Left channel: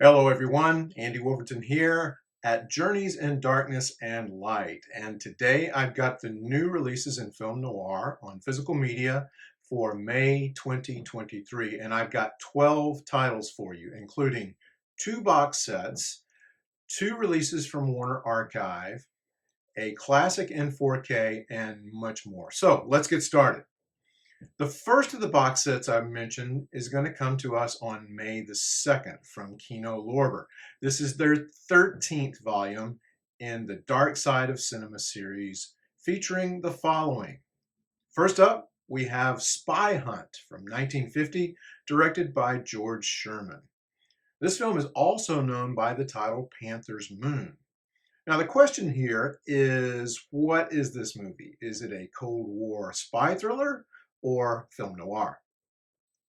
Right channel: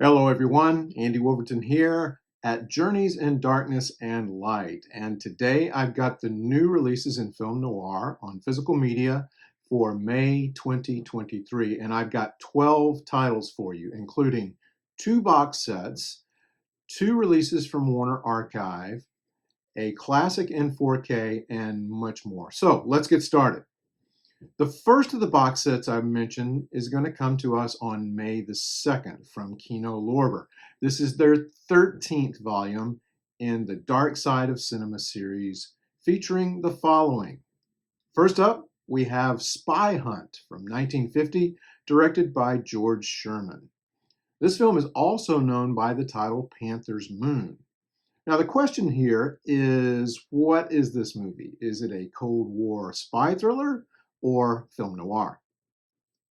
Hello, everyone. Andy Wolverton here at Journeys in Darkness and Light. And today I've got the new releases in film noir on physical media for May 2023. And I've got 12 titles for you, including 2 box sets, 2 releases from Warner Archive, a classic in 4K, and much more. So let's get started. The first of the box sets I've mentioned is going to come to us on May the 2nd from Kino Lorber. This is their 13th volume in the Dark Side of Cinema series, featuring the following. First up, we have Spy Hunt from 1950, directed by George Sherman. This film is also known by the title Panthers Moon. Now, the question here is, what is this movie? Is it a Cold War spy thriller or film noir?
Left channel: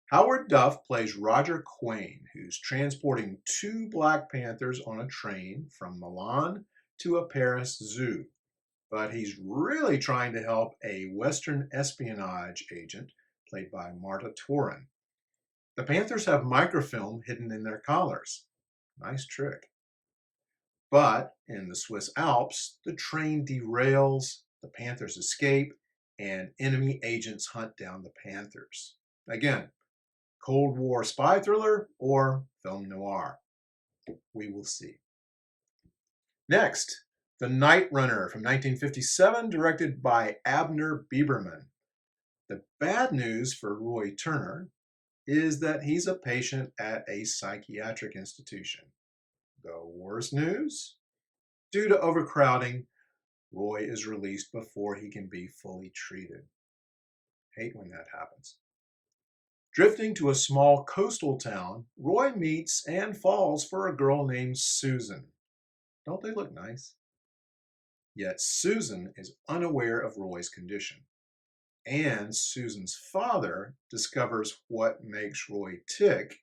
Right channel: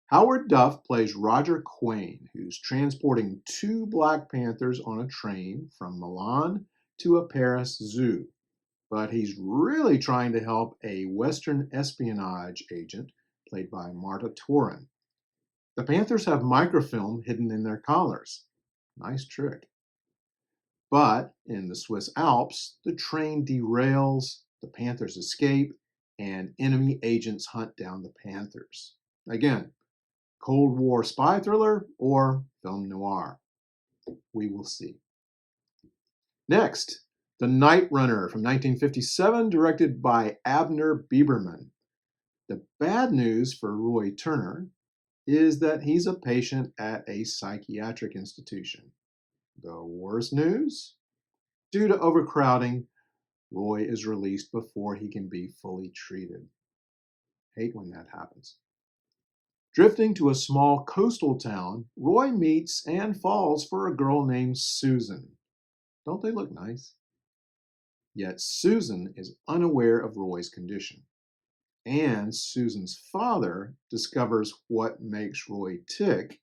Howard Duff plays Roger Quayne, who's transporting 2 Black Panthers on a train from Milan to a Paris zoo. But he's really trying to help a Western espionage agent, played by Marta Torin. The Panthers have microfilm hidden in their collars. Nice trick. But in the Swiss Alps, the train derails, the Panthers escape, and enemy agents hunt down the Panthers. Again, Cold War spy thriller or film noir? We will see. Next, The Night Runner from 1957, directed by Abner Bieberman. The bad news for Roy Turner is that he's a patient at a psychiatric institution. The worst news? Due to overcrowding, Roy is released before he can be fully treated. Hate when that happens. Drifting to a small coastal town, Roy meets and falls for a girl named Susan. Don't they look nice? Yet Susan is unaware of Roy's condition. And Susan's father discovers what makes Roy tick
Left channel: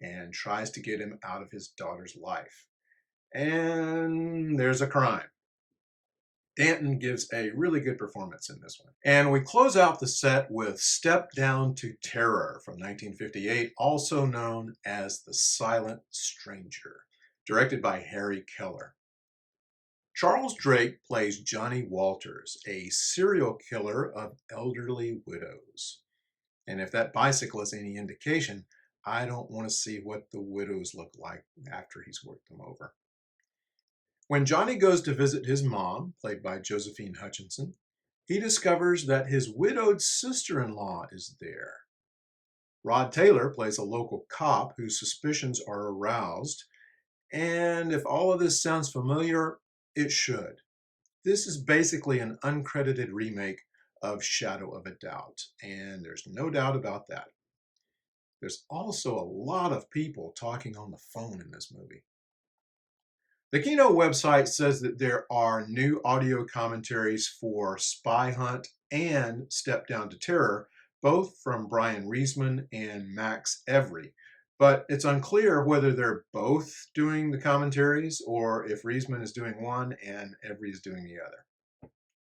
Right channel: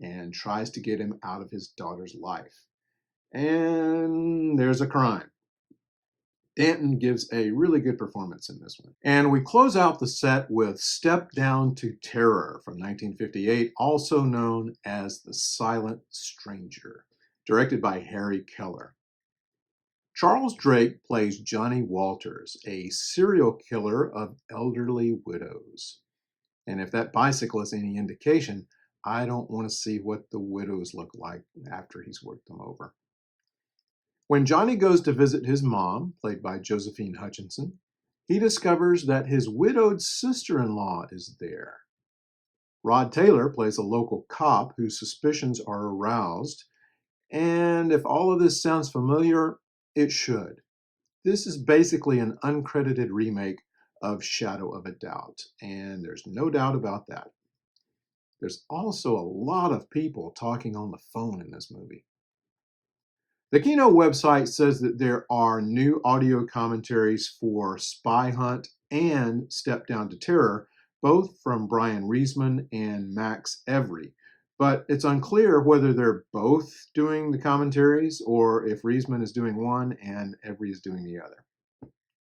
and tries to get him out of his daughter's life. And there's a crime. Danton gives a really good performance in this one. And we close out the set with Step Down to Terror from 1958, also known as The Silent Stranger, directed by Harry Keller. Charles Drake plays Johnny Walters, a serial killer of elderly widows. And if that bicycle is any indication, I don't want to see what the widows look like after he's worked them over. When Johnny goes to visit his mom, played by Josephine Hutchinson, he discovers that his widowed sister-in-law is there. Rod Taylor plays a local cop whose suspicions are aroused, and if all of this sounds familiar, it should. This is basically an uncredited remake of Shadow of a Doubt, and there's no doubt about that. There's also a lot of people talking on the phone in this movie. The Kino website says that there are new audio commentaries for Spy Hunt and Step Down to Terror, both from Brian Reisman and Max Every. But it's unclear whether they're both doing the commentaries or if Reisman is doing one and Every is doing the other.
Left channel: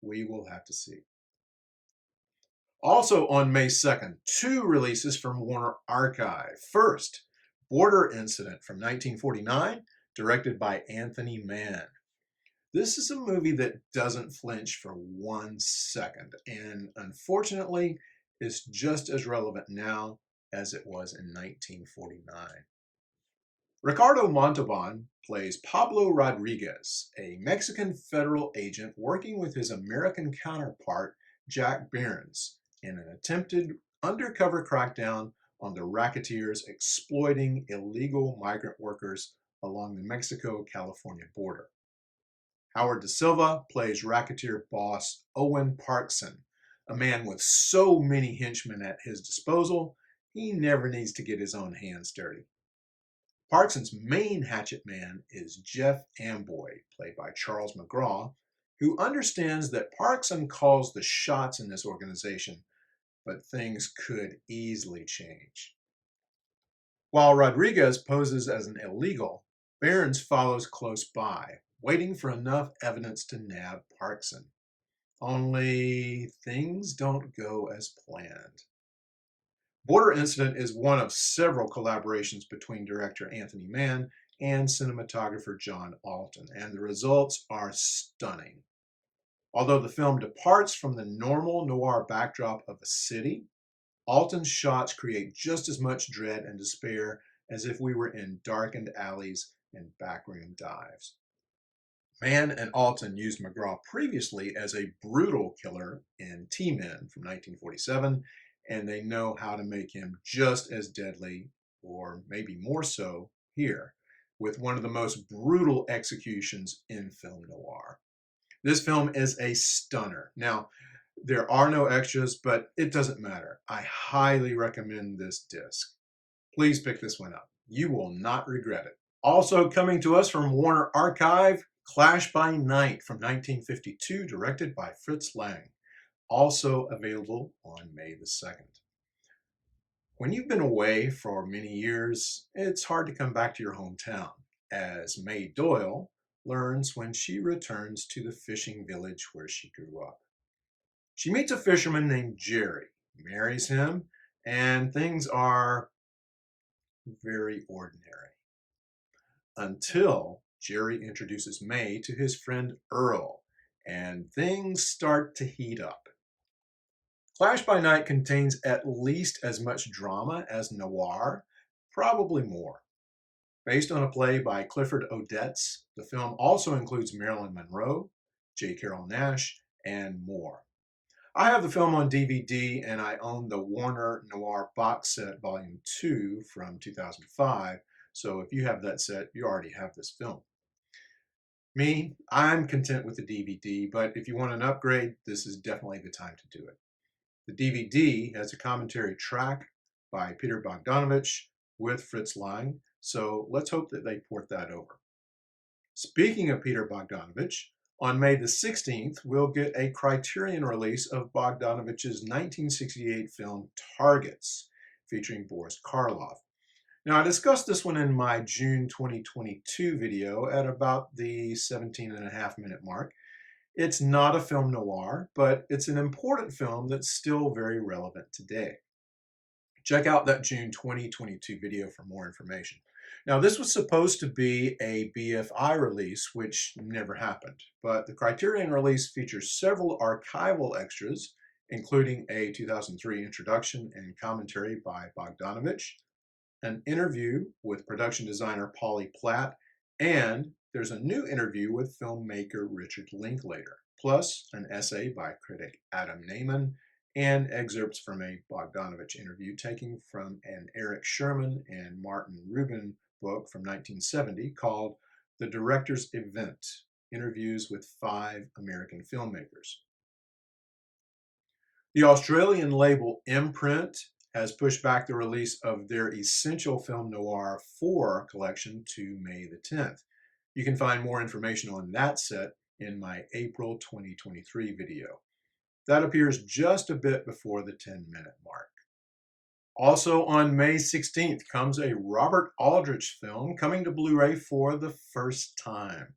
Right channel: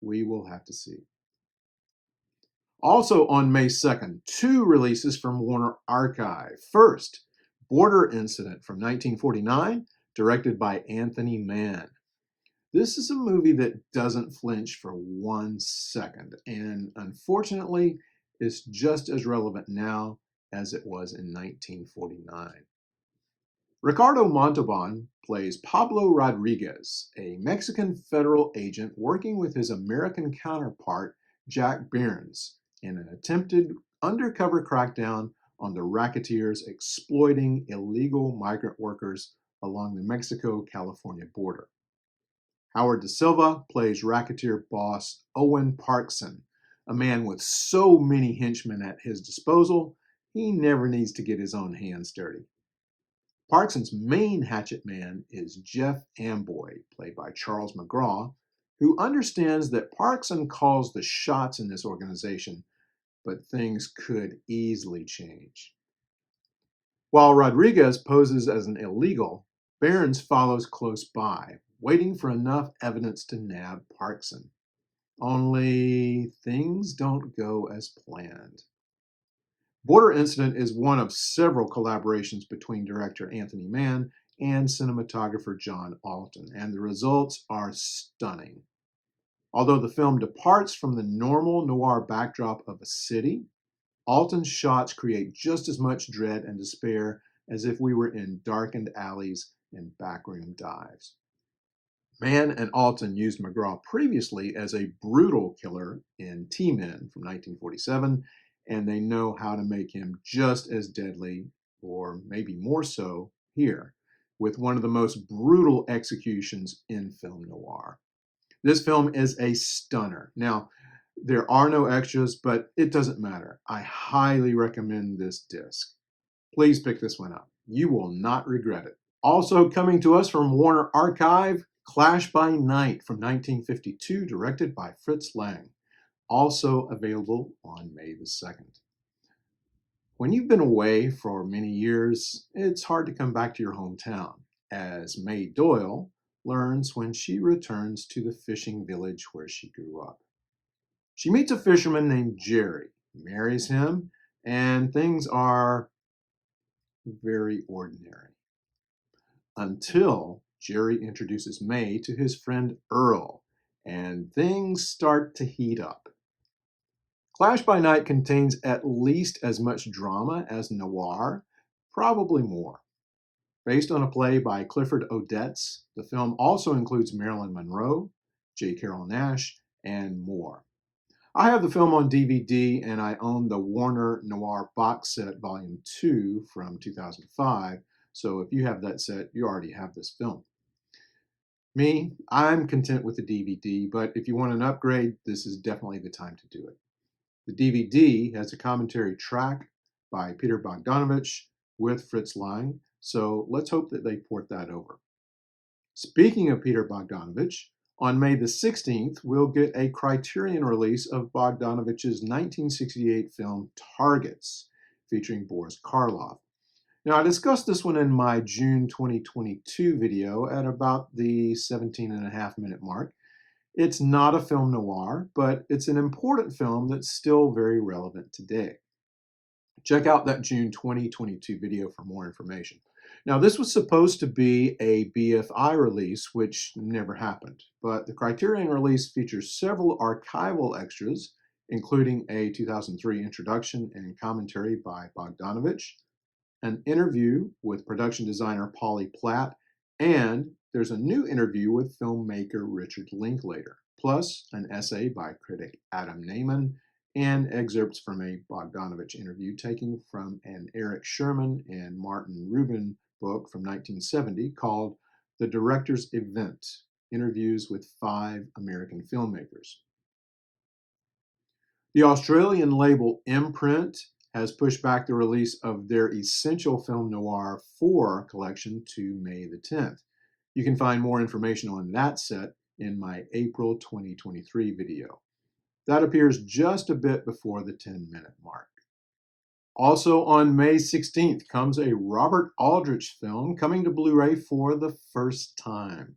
We will have to see. Also on May 2nd, 2 releases from Warner Archive. First, Border Incident from 1949, directed by Anthony Mann. This is a movie that doesn't flinch for 1 second, and unfortunately is just as relevant now as it was in 1949. Ricardo Montalban plays Pablo Rodriguez, a Mexican federal agent working with his American counterpart, Jack Byrnes, in an attempted undercover crackdown on the racketeers exploiting illegal migrant workers along the Mexico-California border. Howard Da Silva plays racketeer boss Owen Parkson, a man with so many henchmen at his disposal, he never needs to get his own hands dirty. Parkson's main hatchet man is Jeff Amboy, played by Charles McGraw, who understands that Parkson calls the shots in this organization, but things could easily change. While Rodriguez poses as an illegal, Byrnes follows close by, waiting for enough evidence to nab Parkson. Only things don't go as planned. Border Incident is one of several collaborations between director Anthony Mann and cinematographer John Alton, and the results are stunning. Although the film departs from the normal noir backdrop of a city, Alton's shots create just as much dread and despair as if we were in darkened alleys and backroom dives. Mann and Alton used McGraw previously as a brutal killer in T-Men from 1947, and they know how to make him just as deadly, or maybe more so, here, with one of the most brutal executions in film noir. This film is a stunner. Now, there are no extras, but it doesn't matter. I highly recommend this disc. Please pick this one up. You will not regret it. Also coming to us from Warner Archive, Clash by Night from 1952, directed by Fritz Lang. Also available on May the 2nd. When you've been away for many years, it's hard to come back to your hometown, as May Doyle learns when she returns to the fishing village where she grew up. She meets a fisherman named Jerry, marries him, and things are very ordinary. Until Jerry introduces May to his friend Earl, and things start to heat up. Clash by Night contains at least as much drama as Noir, probably more. Based on a play by Clifford Odets, the film also includes Marilyn Monroe, J. Carrol Naish, and more. I have the film on DVD, and I own the Warner Noir box set volume 2 from 2005, so if you have that set, you already have this film. Me, I'm content with the DVD, but if you want an upgrade, this is definitely the time to do it. The DVD has a commentary track by Peter Bogdanovich with Fritz Lang, so let's hope that they port that over. Speaking of Peter Bogdanovich, on May the 16th, we'll get a Criterion release of Bogdanovich's 1968 film Targets, featuring Boris Karloff. Now, I discussed this one in my June 2022 video at about the 17.5-minute mark. It's not a film noir, but it's an important film that's still very relevant today. Check out that June 2022 video for more information. Now, this was supposed to be a BFI release, which never happened, but the Criterion release features several archival extras, including a 2003 introduction and commentary by Bogdanovich, an interview with production designer Polly Platt, and there's a new interview with filmmaker Richard Linklater, plus an essay by critic Adam Naiman, and excerpts from a Bogdanovich interview taken from an Eric Sherman and Martin Rubin book from 1970 called The Director's Event, Interviews with 5 American Filmmakers. The Australian label Imprint has pushed back the release of their Essential Film Noir 4 collection to May the 10th. You can find more information on that set in my April 2023 video. That appears just a bit before the 10-minute mark. Also on May 16th comes a Robert Aldrich film coming to Blu-ray for the first time.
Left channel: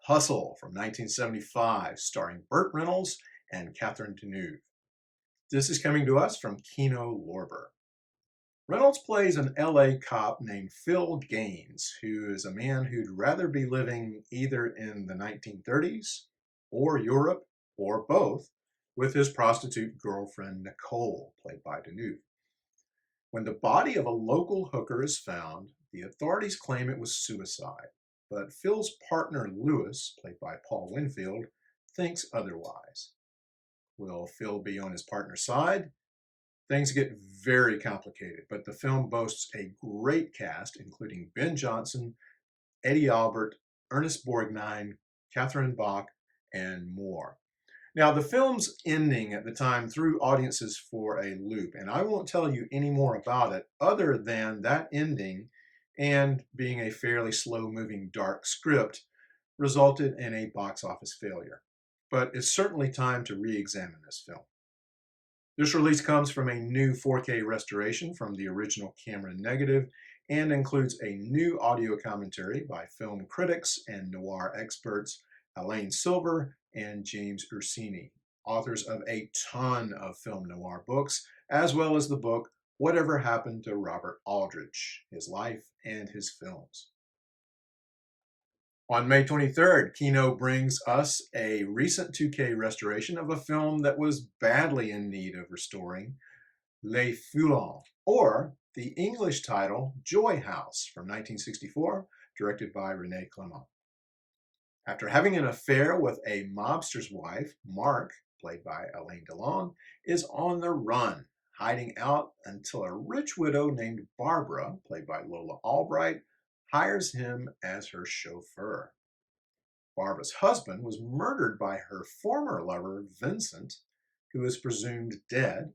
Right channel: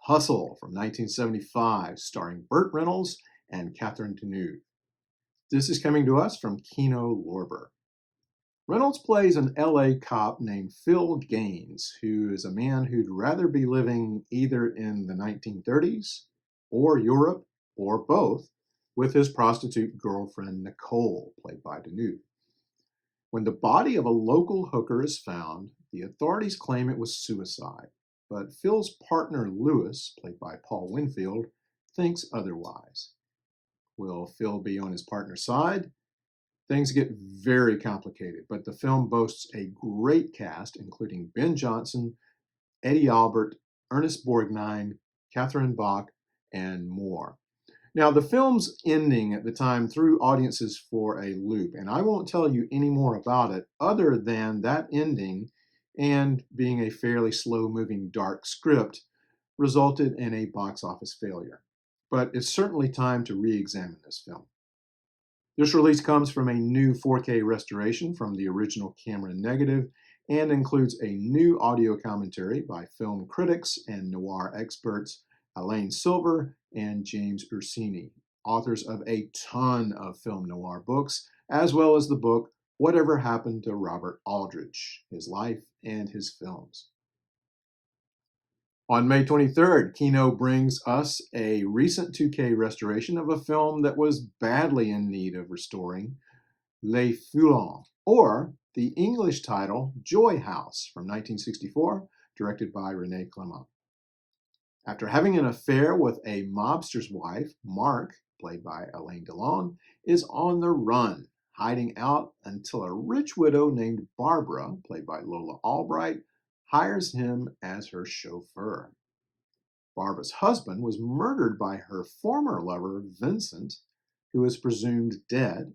Hustle from 1975, starring Burt Reynolds and Catherine Deneuve. This is coming to us from Kino Lorber. Reynolds plays an LA cop named Phil Gaines, who is a man who'd rather be living either in the 1930s or Europe or both with his prostitute girlfriend Nicole, played by Deneuve. When the body of a local hooker is found, the authorities claim it was suicide, but Phil's partner Lewis, played by Paul Winfield, thinks otherwise. Will Phil be on his partner's side? Things get very complicated, but the film boasts a great cast, including Ben Johnson, Eddie Albert, Ernest Borgnine, Catherine Bach, and more. Now, the film's ending at the time threw audiences for a loop, and I won't tell you any more about it other than that ending, and being a fairly slow-moving dark script, resulted in a box office failure. But it's certainly time to re-examine this film. This release comes from a new 4K restoration from the original camera negative and includes a new audio commentary by film critics and noir experts Elaine Silver and James Ursini, authors of a ton of film noir books, as well as the book Whatever Happened to Robert Aldrich, His Life and His Films. On May 23rd, Kino brings us a recent 2K restoration of a film that was badly in need of restoring, Les Foulons, or the English title Joy House from 1964, directed by René Clément. After having an affair with a mobster's wife, Mark, played by Alain Delon, is on the run, hiding out until a rich widow named Barbara, played by Lola Albright, hires him as her chauffeur. Barbara's husband was murdered by her former lover, Vincent, who is presumed dead,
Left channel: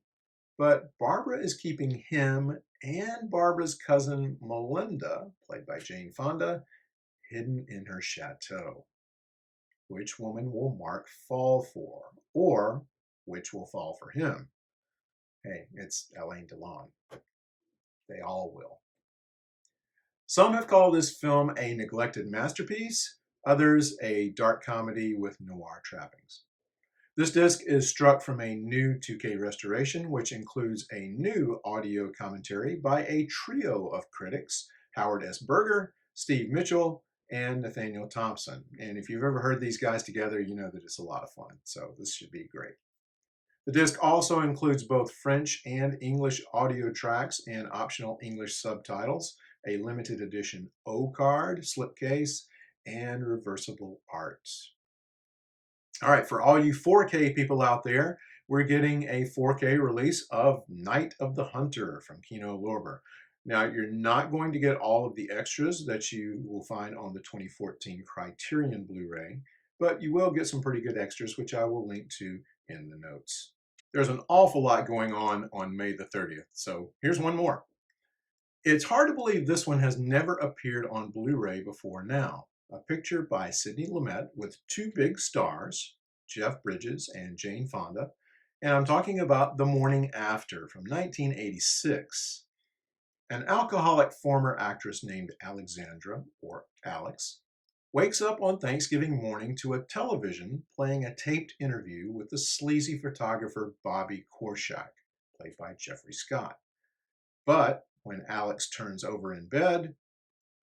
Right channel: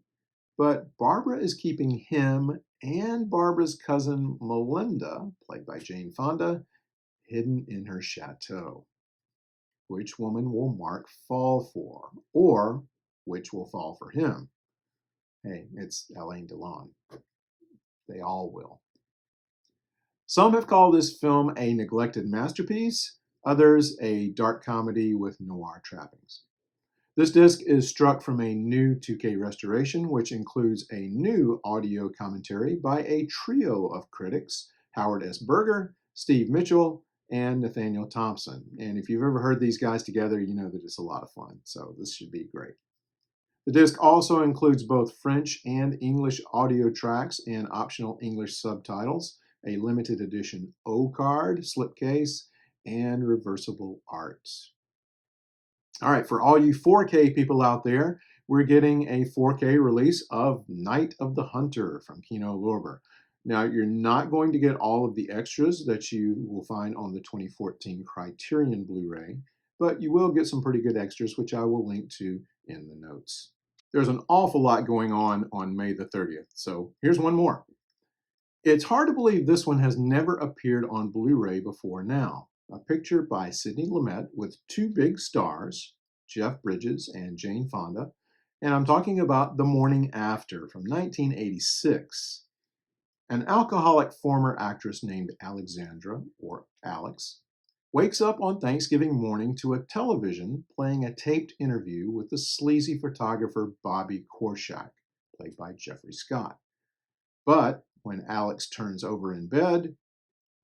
but Barbara is keeping him and Barbara's cousin, Melinda, played by Jane Fonda, hidden in her chateau. Which woman will Mark fall for? Or which will fall for him? Hey, it's Alain Delon. They all will. Some have called this film a neglected masterpiece, others a dark comedy with noir trappings. This disc is struck from a new 2K restoration, which includes a new audio commentary by a trio of critics, Howard S. Berger, Steve Mitchell, and Nathaniel Thompson. And if you've ever heard these guys together, you know that it's a lot of fun. So this should be great. The disc also includes both French and English audio tracks and optional English subtitles, a limited edition O card, slipcase, and reversible art. All right, for all you 4K people out there, we're getting a 4K release of Night of the Hunter from Kino Lorber. Now, you're not going to get all of the extras that you will find on the 2014 Criterion Blu-ray, but you will get some pretty good extras, which I will link to in the notes. There's an awful lot going on May the 30th, so here's one more. It's hard to believe this one has never appeared on Blu-ray before now. A picture by Sidney Lumet with two big stars, Jeff Bridges and Jane Fonda, and I'm talking about The Morning After from 1986. An alcoholic former actress named Alexandra, or Alex, wakes up on Thanksgiving morning to a television playing a taped interview with the sleazy photographer Bobby Korshak, played by Jeffrey Scott. But when Alex turns over in bed,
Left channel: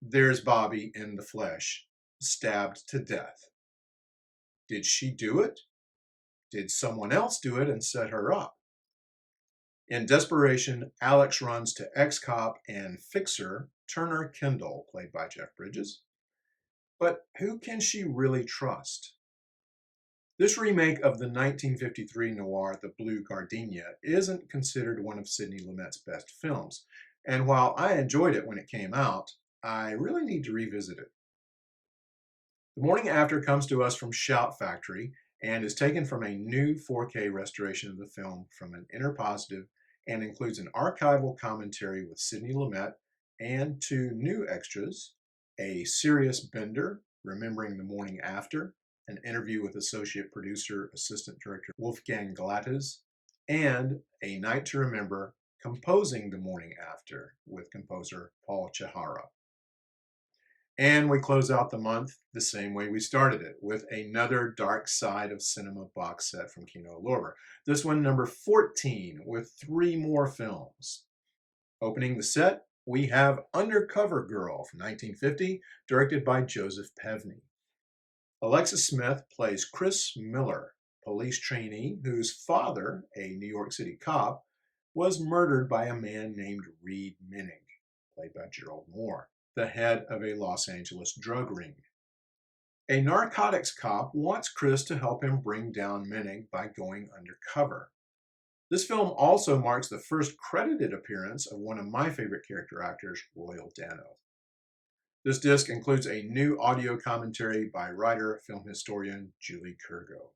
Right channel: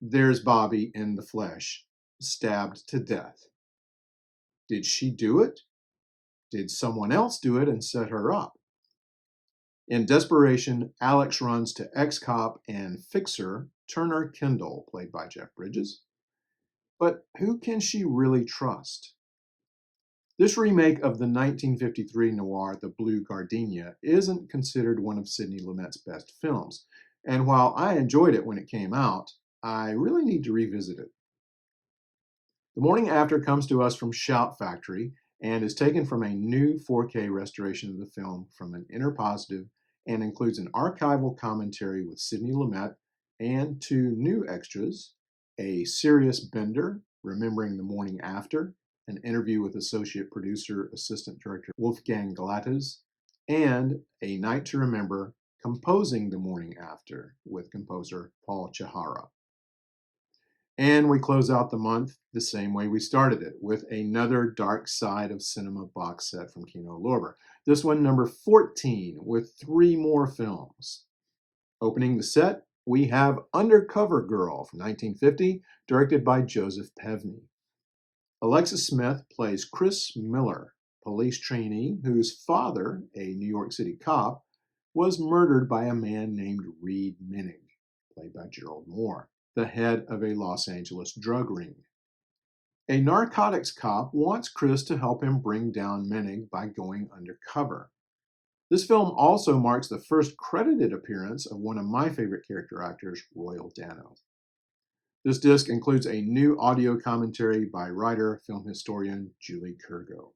there's Bobby in the flesh, stabbed to death. Did she do it? Did someone else do it and set her up? In desperation, Alex runs to ex-cop and fixer Turner Kendall, played by Jeff Bridges. But who can she really trust? This remake of the 1953 noir The Blue Gardenia isn't considered one of Sidney Lumet's best films, and while I enjoyed it when it came out, I really need to revisit it. The Morning After comes to us from Shout Factory and is taken from a new 4K restoration of the film from an Interpositive and includes an archival commentary with Sidney Lumet and two new extras, a serious Bender, remembering the morning after, an interview with associate producer, assistant director Wolfgang Glattes, and A Night to Remember, composing the morning after with composer Paul Chihara. And we close out the month the same way we started it, with another Dark Side of Cinema box set from Kino Lorber. This one number 14, with 3 more films. Opening the set, we have Undercover Girl from 1950, directed by Joseph Pevney. Alexis Smith plays Chris Miller, police trainee whose father, a New York City cop, was murdered by a man named Reed Menig, played by Gerald Moore, the head of a Los Angeles drug ring. A narcotics cop wants Chris to help him bring down Menig by going undercover. This film also marks the first credited appearance of one of my favorite character actors, Royal Dano. This disc includes a new audio commentary by writer, film historian Julie Kurgo.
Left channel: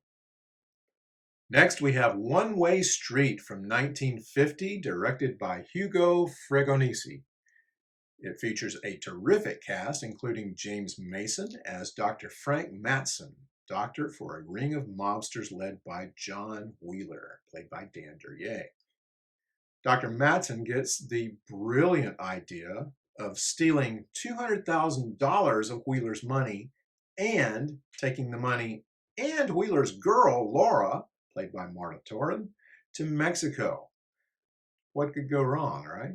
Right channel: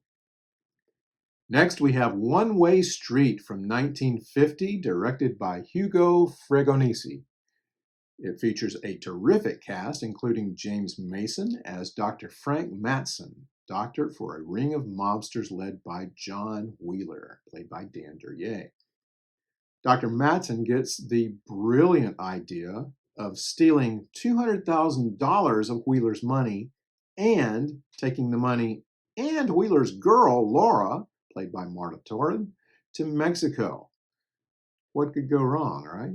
Next, we have One Way Street from 1950, directed by Hugo Fregonese. It features a terrific cast, including James Mason as Dr. Frank Matson, doctor for a ring of mobsters led by John Wheeler, played by Dan Duryea. Dr. Matson gets the brilliant idea of stealing $200,000 of Wheeler's money and taking the money and Wheeler's girl, Laura, played by Marta Torres, to Mexico. What could go wrong, right?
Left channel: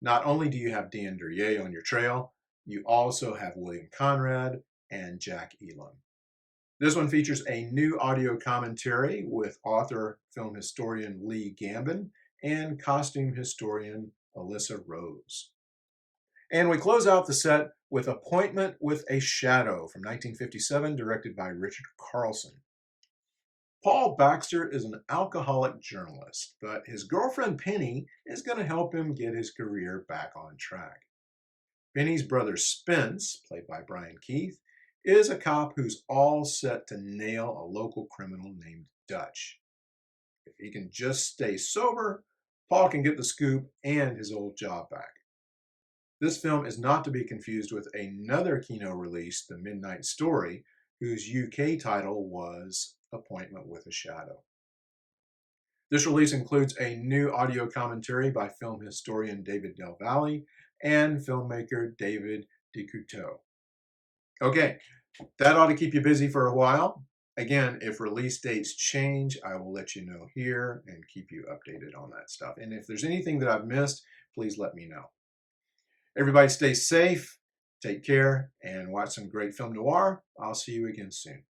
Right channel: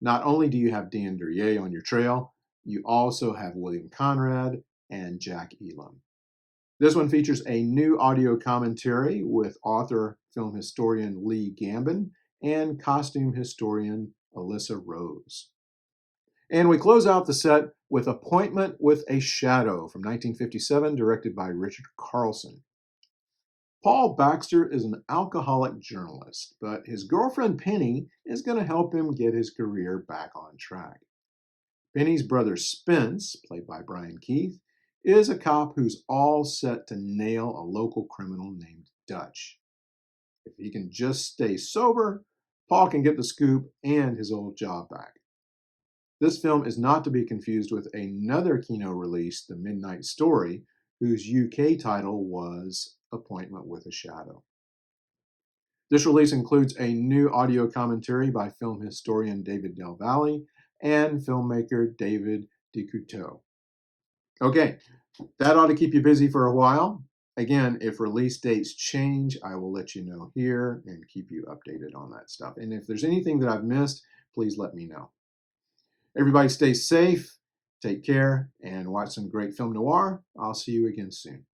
Not only do you have Dan Duryea on your trail, You also have William Conrad and Jack Elam. This one features a new audio commentary with author, film historian Lee Gambin and costume historian Alyssa Rose. And we close out the set with Appointment with a Shadow from 1957, directed by Richard Carlson. Paul Baxter is an alcoholic journalist, but his girlfriend Penny is going to help him get his career back on track. Penny's brother Spence, played by Brian Keith, is a cop who's all set to nail a local criminal named Dutch. If he can just stay sober, Paul can get the scoop and his old job back. This film is not to be confused with another Kino release, The Midnight Story, whose UK title was Appointment with a Shadow. This release includes a new audio commentary by film historian David Del Valle and filmmaker David DeCouteau. Okay, that ought to keep you busy for a while. Again, if release dates change, I will let you know here and keep you updated on that stuff. And if there's anything that I've missed, please let me know. Everybody stay safe, take care, and watch some great film noir. I'll see you again soon.